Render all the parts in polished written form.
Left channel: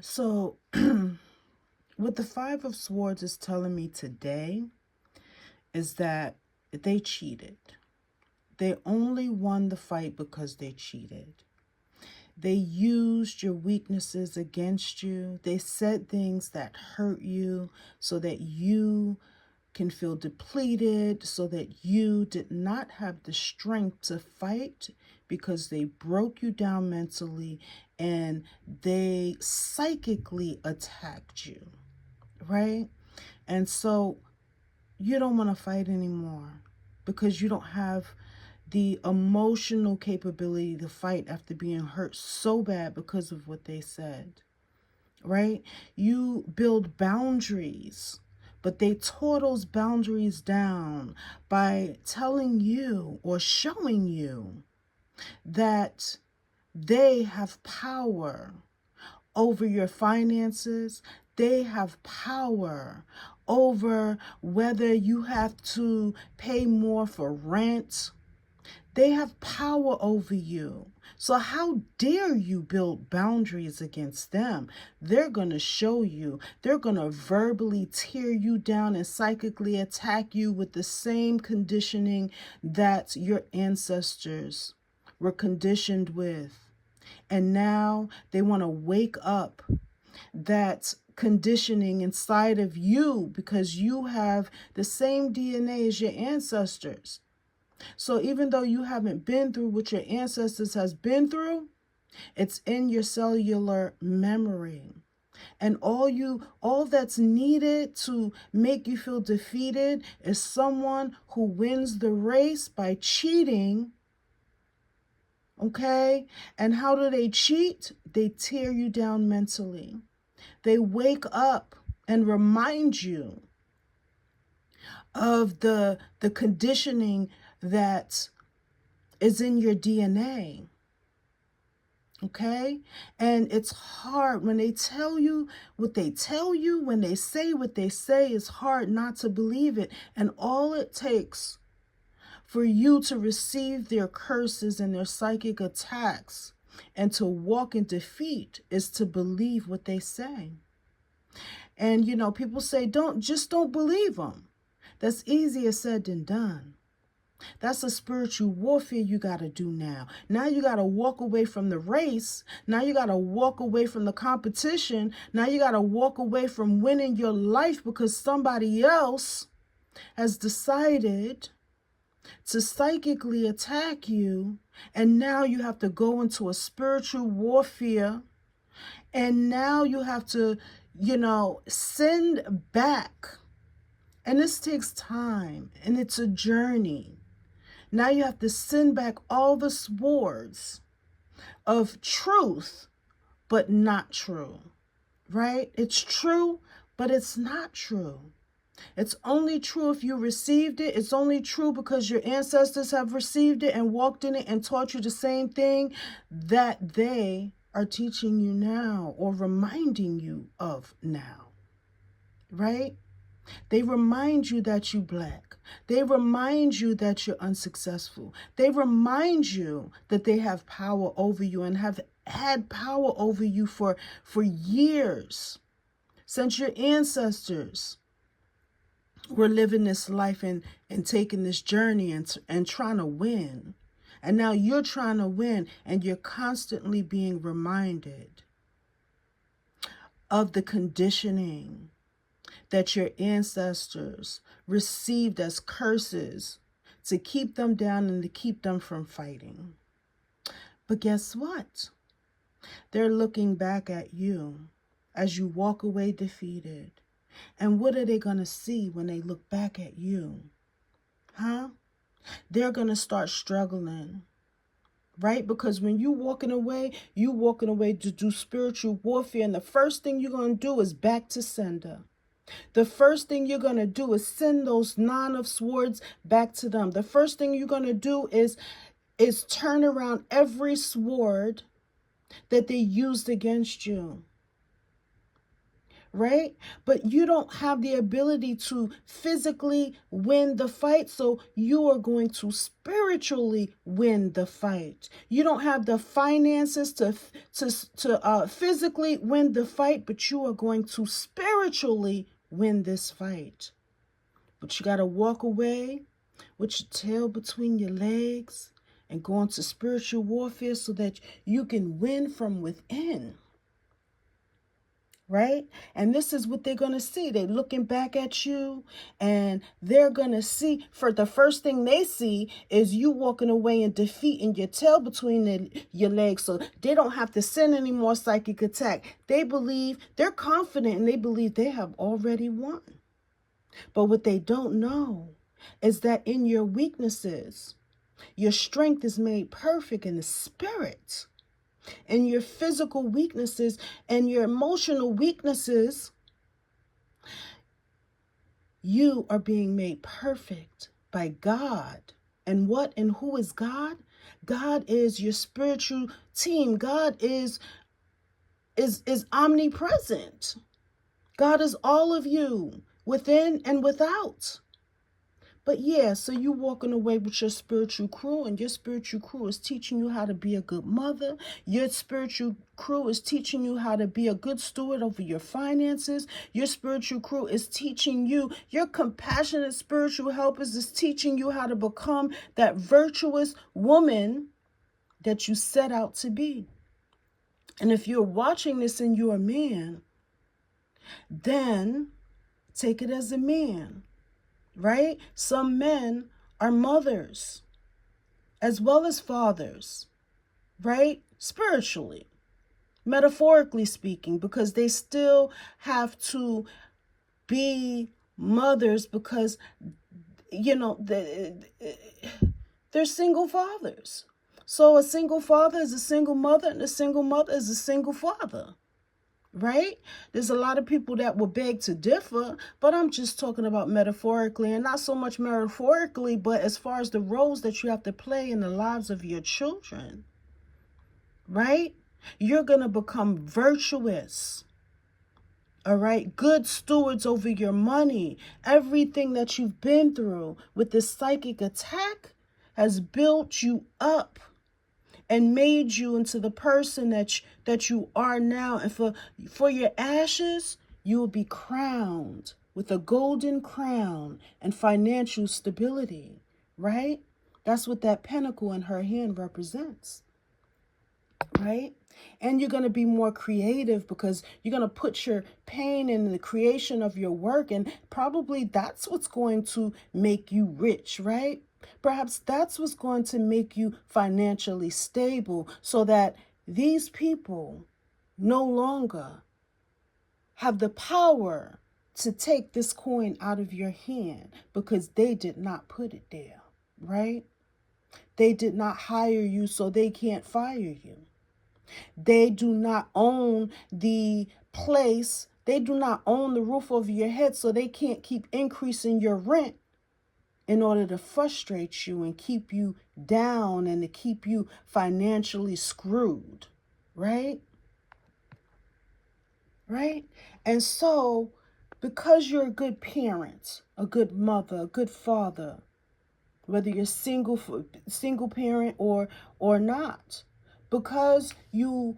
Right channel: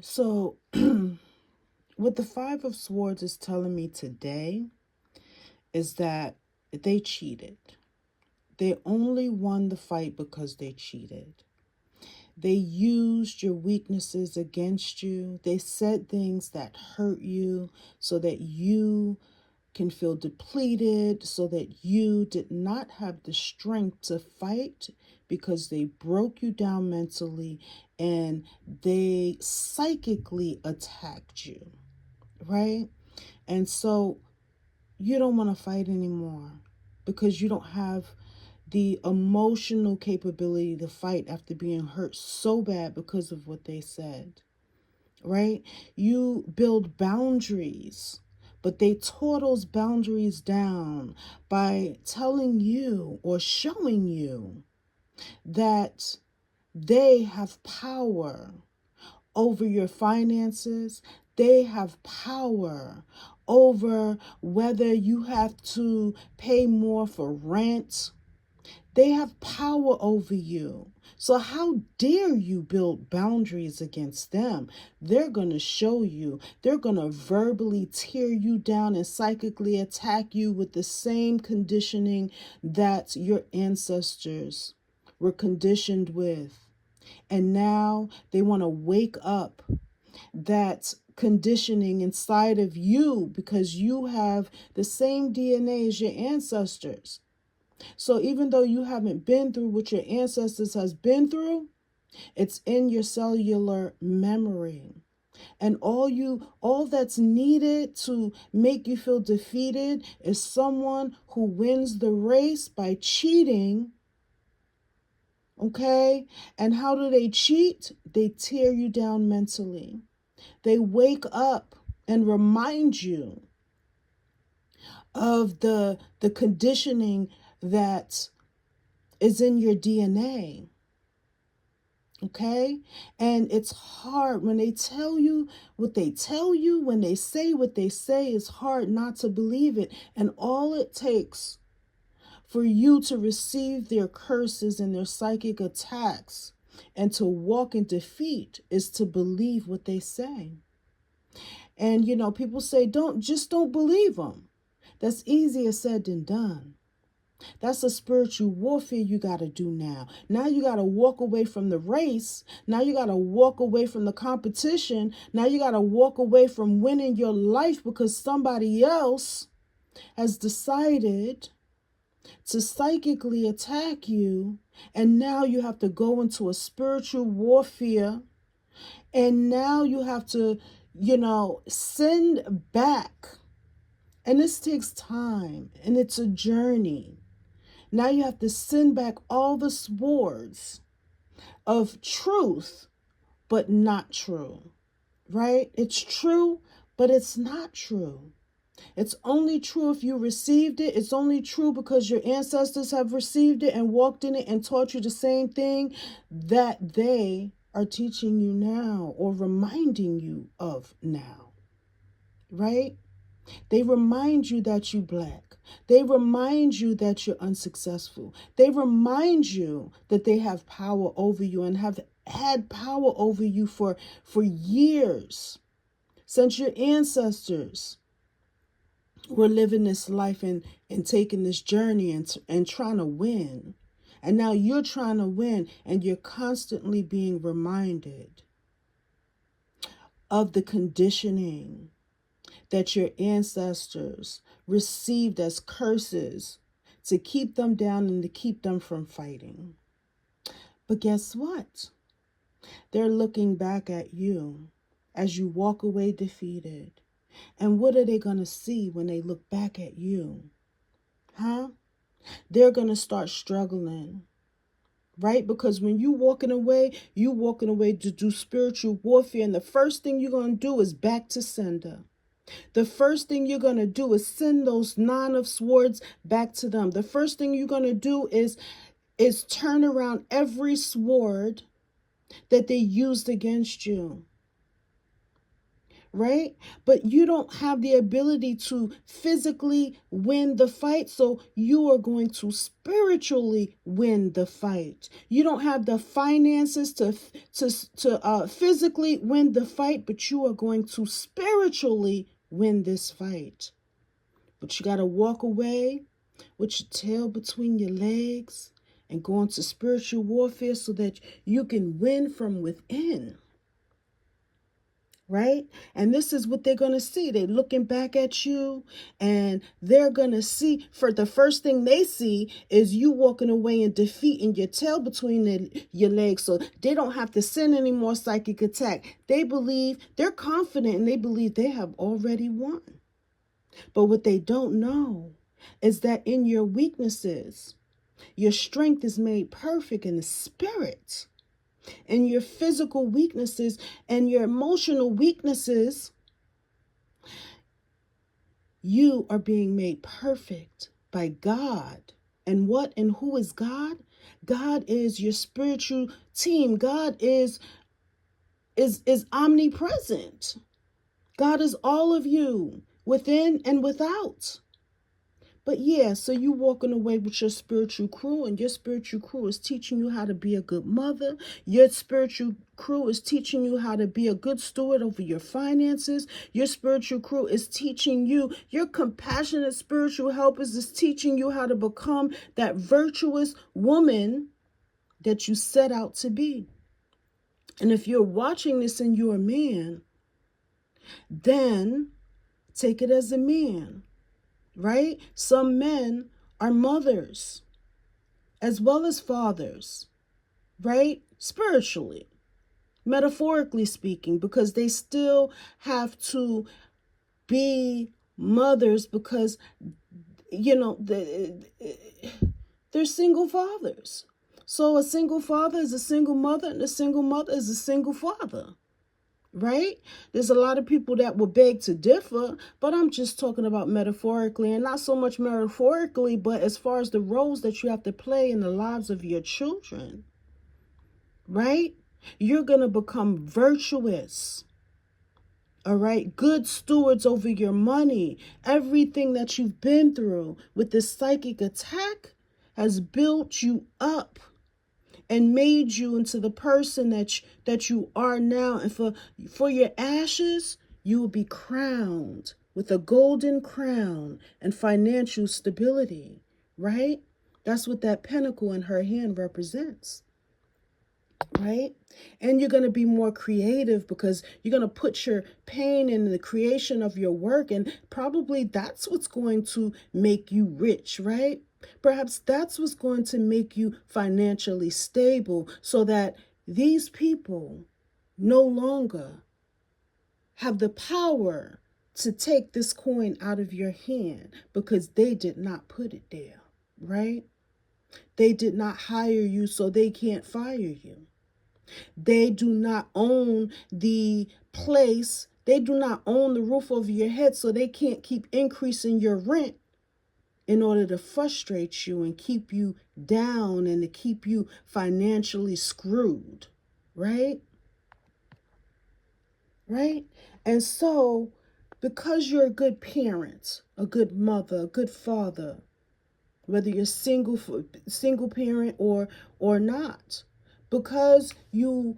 So, what the Five of Swords is telling me today is that they cheated. They only won the fight because they cheated. They used your weaknesses against you. They said things that hurt you so that you can feel depleted, so that you did not have the strength to fight because they broke you down mentally and they psychically attacked you, right? And so you don't want to fight anymore because you don't have the emotional capability to fight after being hurt so bad because of what they said, right? You build boundaries, but they tore those boundaries down by telling you or showing you that they have power over your finances. They have power over whether you have to pay more for rent. They have power over you. So how dare you build boundaries against them? They're going to show you. They're going to verbally tear you down and psychically attack you with the same conditioning that your ancestors were conditioned with. And now they want to wake up that conditioning inside of you because you have the same DNA as your ancestors. So even though you haven't been through what your ancestors has been through, it's in your cellular memory. And all that's needed to make you feel defeated is someone who wins the race by cheating. Okay? And how do they cheat? They tear you down mentally. They wake up and remind you of the conditioning that is in your DNA. Okay? And it's hard when they tell you what they tell you, when they say what they say, it's hard not to believe it. And all it takes for you to receive their curses and their psychic attacks and to walk in defeat is to believe what they say. And people say don't believe them. That's easier said than done. That's a spiritual warfare you got to do now. Now you got to walk away from the race. Now you got to walk away from the competition. Now you got to walk away from winning your life because somebody else has decided to psychically attack you. And now you have to go into a spiritual warfare. And now you have to, send back. And this takes time and it's a journey. Now you have to send back all the swords of truth, but not true, right? It's true, but it's not true. It's only true if you received it. It's only true because your ancestors have received it and walked in it and taught you the same thing that they are teaching you now or reminding you of now, right? They remind you that you're black. They remind you that you're unsuccessful. They remind you that they have power over you and have had power over you for years, since your ancestors were living this life and taking this journey and trying to win. And now you're trying to win and you're constantly being reminded of the conditioning that your ancestors received as curses to keep them down and to keep them from fighting. But guess what? They're looking back at you as you walk away defeated. And what are they going to see when they look back at you? Huh? They're going to start struggling. Right? Because when you walking away to do spiritual warfare. And the first thing you're going to do is back to sender. The first thing you're going to do is send those Nine of Swords back to them. The first thing you're going to do is turn around every sword that they used against you. right? But you don't have the ability to physically win the fight, so you are going to spiritually win the fight. You don't have the finances to physically win the fight, but you are going to spiritually win this fight. But you got to walk away with your tail between your legs and go into spiritual warfare so that you can win from within. Right? And this is what they're going to see. They're looking back at you and they're going to see, for the first thing they see is you walking away in defeat and your tail between your legs. So they don't have to send any more psychic attack. They believe, they're confident, and they believe they have already won. But what they don't know is that in your weaknesses, your strength is made perfect in the spirit. And your physical weaknesses and your emotional weaknesses, you are being made perfect by God. And what and who is God? God is your spiritual team. God is omnipresent. God is all of you, within and without. But yeah, so you walking away with your spiritual crew, and your spiritual crew is teaching you how to be a good mother. Your spiritual crew is teaching you how to be a good steward over your finances. Your spiritual crew is teaching you, your compassionate spiritual helpers is teaching you how to become that virtuous woman that you set out to be. And if you're watching this and you're a man, then take it as a man. Right? Some men are mothers as well as fathers, right? Spiritually, metaphorically speaking, because they still have to be mothers because, you know, they're single fathers. So a single father is a single mother, and a single mother is a single father. Right? There's a lot of people that will beg to differ, but I'm just talking about metaphorically, and not so much metaphorically, but as far as the roles that you have to play in the lives of your children. Right? You're going to become virtuous. All right? Good stewards over your money. Everything that you've been through with this psychic attack has built you up and made you into the person that you are now. And for your ashes, you will be crowned with a golden crown and financial stability, right? That's what that pentacle in her hand represents, right? And you're going to be more creative because you're going to put your pain in the creation of your work, and probably that's what's going to make you rich, right? Perhaps that's what's going to make you financially stable, so that these people no longer have the power to take this coin out of your hand because they did not put it there, right? They did not hire you, so they can't fire you. They do not own the place. They do not own the roof over your head, so they can't keep increasing your rent in order to frustrate you and keep you down and to keep you financially screwed, right? Right? And so, because you're a good parent, a good mother, a good father, whether you're single parent or not, because you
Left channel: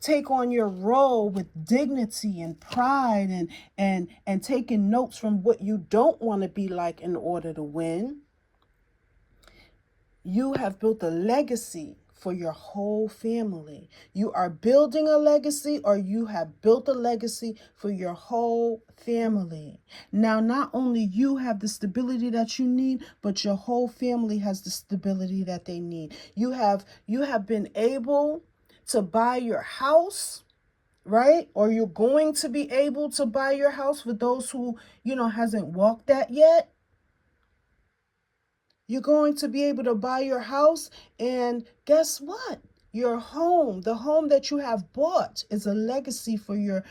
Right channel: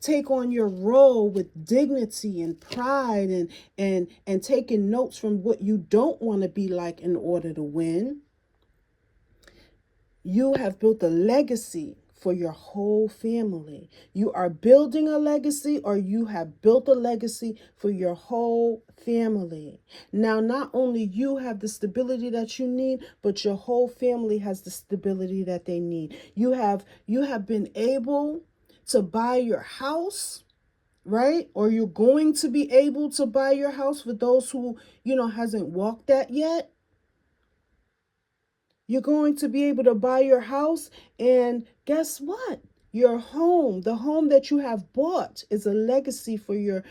take on your role with dignity and pride and taking notes from what you don't want to be like in order to win, you have built a legacy for your whole family. You are building a legacy, or you have built a legacy for your whole family. Now, not only you have the stability that you need, but your whole family has the stability that they need. You have been able to buy your house, right? Or you're going to be able to buy your house for those who, hasn't walked that yet. You're going to be able to buy your house, and guess what? Your home, the home that you have bought, is a legacy for your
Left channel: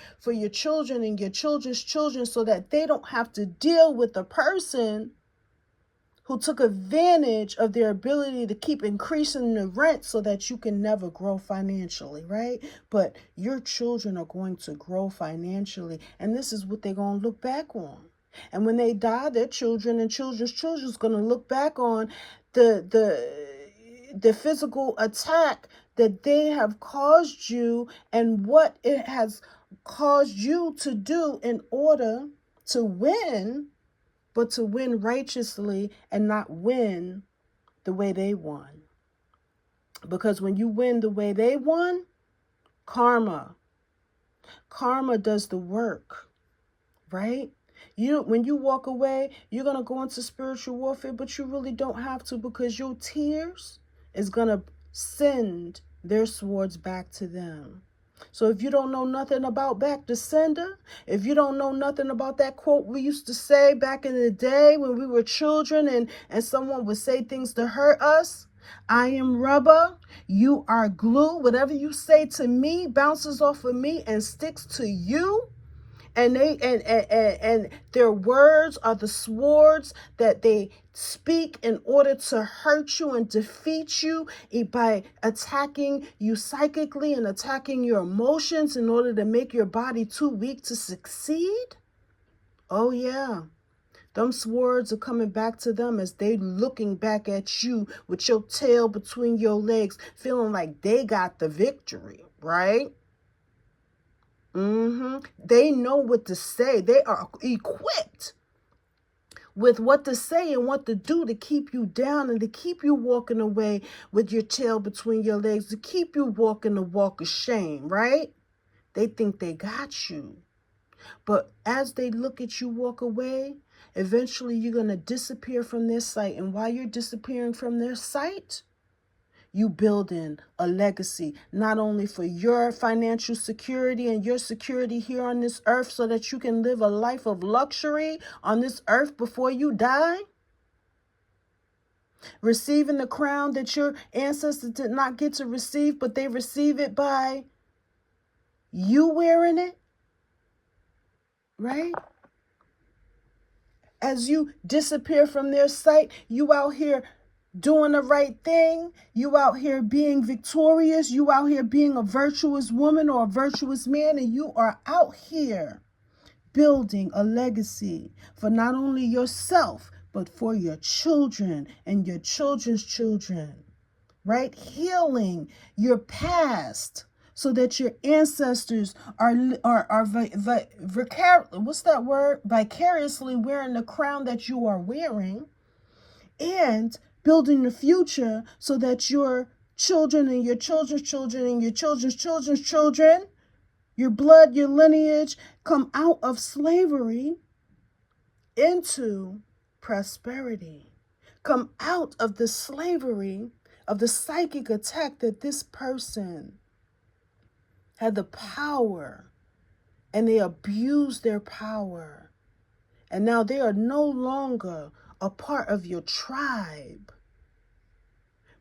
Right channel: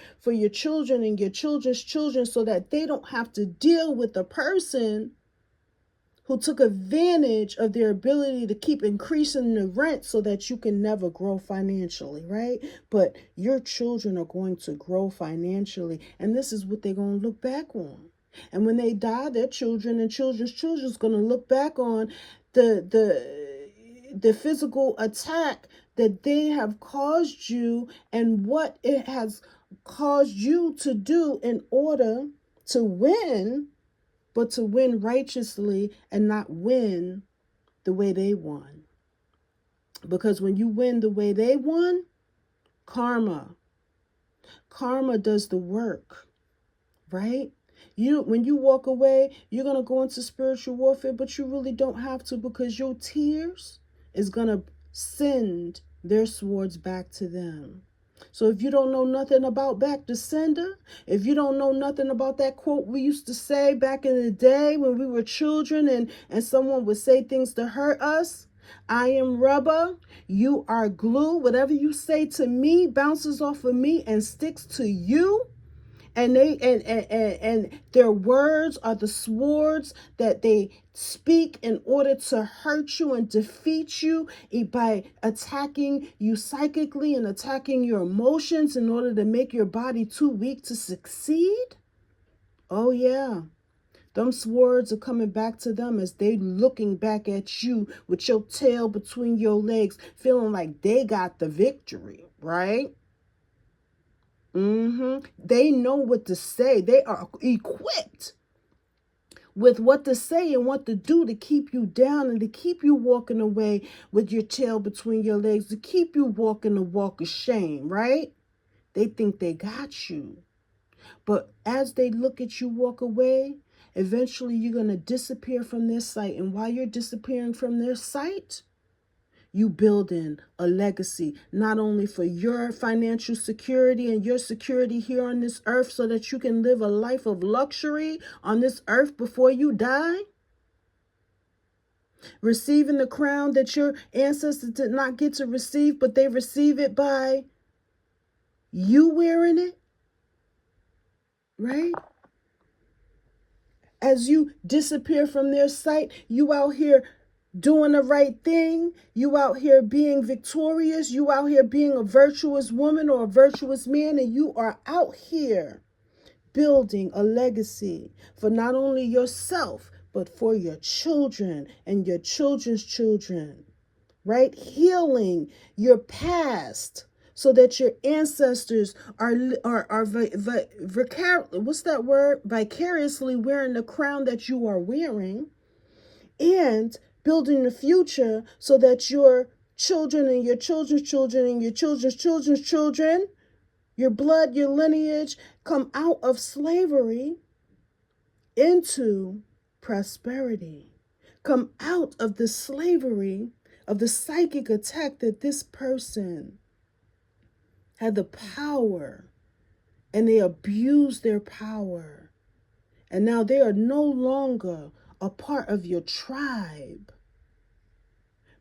children and your children's children, so that they don't have to deal with a person who took advantage of their ability to keep increasing the rent so that you can never grow financially, right? But your children are going to grow financially, and this is what they're going to look back on. And when they die, their children and children's children is going to look back on the physical attack that they have caused you and what it has caused you to do in order to win, but to win righteously and not win the way they won. Because when you win the way they won, karma does the work, right? When you walk away, you're going to go into spiritual warfare, but you really don't have to, because your tears is going to send their swords back to them. So if you don't know nothing about back to sender, if you don't know nothing about that quote we used to say back in the day when we were children and someone would say things to hurt us, I am rubber, you are glue. Whatever you say to me bounces off of me and sticks to you. And their words are the swords that they speak in order to hurt you and defeat you by attacking you psychically and attacking your emotions in order to make your body too weak to succeed. Oh yeah, them swords are coming back to them as they looking back at you with your tail between your legs, feeling like they got the victory, right? They know what to say. They are equipped with what to say and what to do to keep you down and to keep you walking away with your tail between your legs, to keep you walking the walk of shame, right? They think they got you. But as they look at you walk away, eventually you're going to disappear from their sight. And while you're disappearing from their sight, you building a legacy, not only for your financial security and your security here on this earth so that you can live a life of luxury on this earth before you die, receiving the crown that your ancestors did not get to receive, but they receive it by you wearing it, right? As you disappear from their sight, you out here doing the right thing, you out here being victorious, you out here being a virtuous woman or a virtuous man, and you are out here building a legacy for not only yourself, but for your children and your children's children, right? Healing your past so that your ancestors are vicariously wearing the crown that you are wearing, and building the future so that your children and your children's children and your children's children's children, your blood, your lineage, come out of slavery into prosperity. Come out of the slavery of the psychic attack that this person had the power, and they abused their power. And now they are no longer a part of your tribe,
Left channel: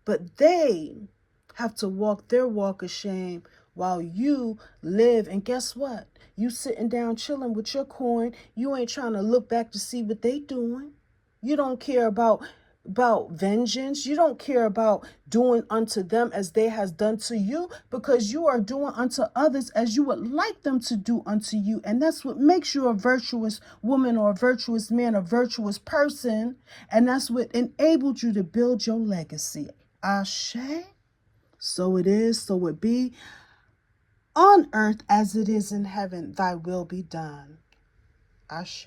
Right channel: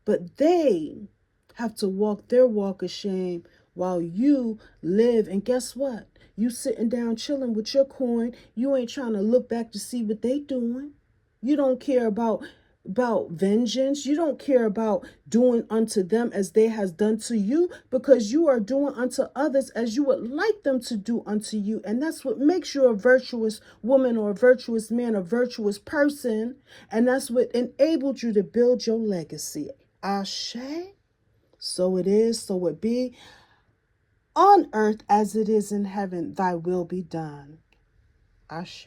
but they have to walk their walk of shame while you live. And guess what? You sitting down chilling with your coin. You ain't trying to look back to see what they doing. You don't care about vengeance. You don't care about doing unto them as they has done to you, because you are doing unto others as you would like them to do unto you. And that's what makes you a virtuous woman or a virtuous man, a virtuous person. And that's what enabled you to build your legacy. Ashe. So it is, so it be. On earth as it is in heaven, thy will be done. Ashe.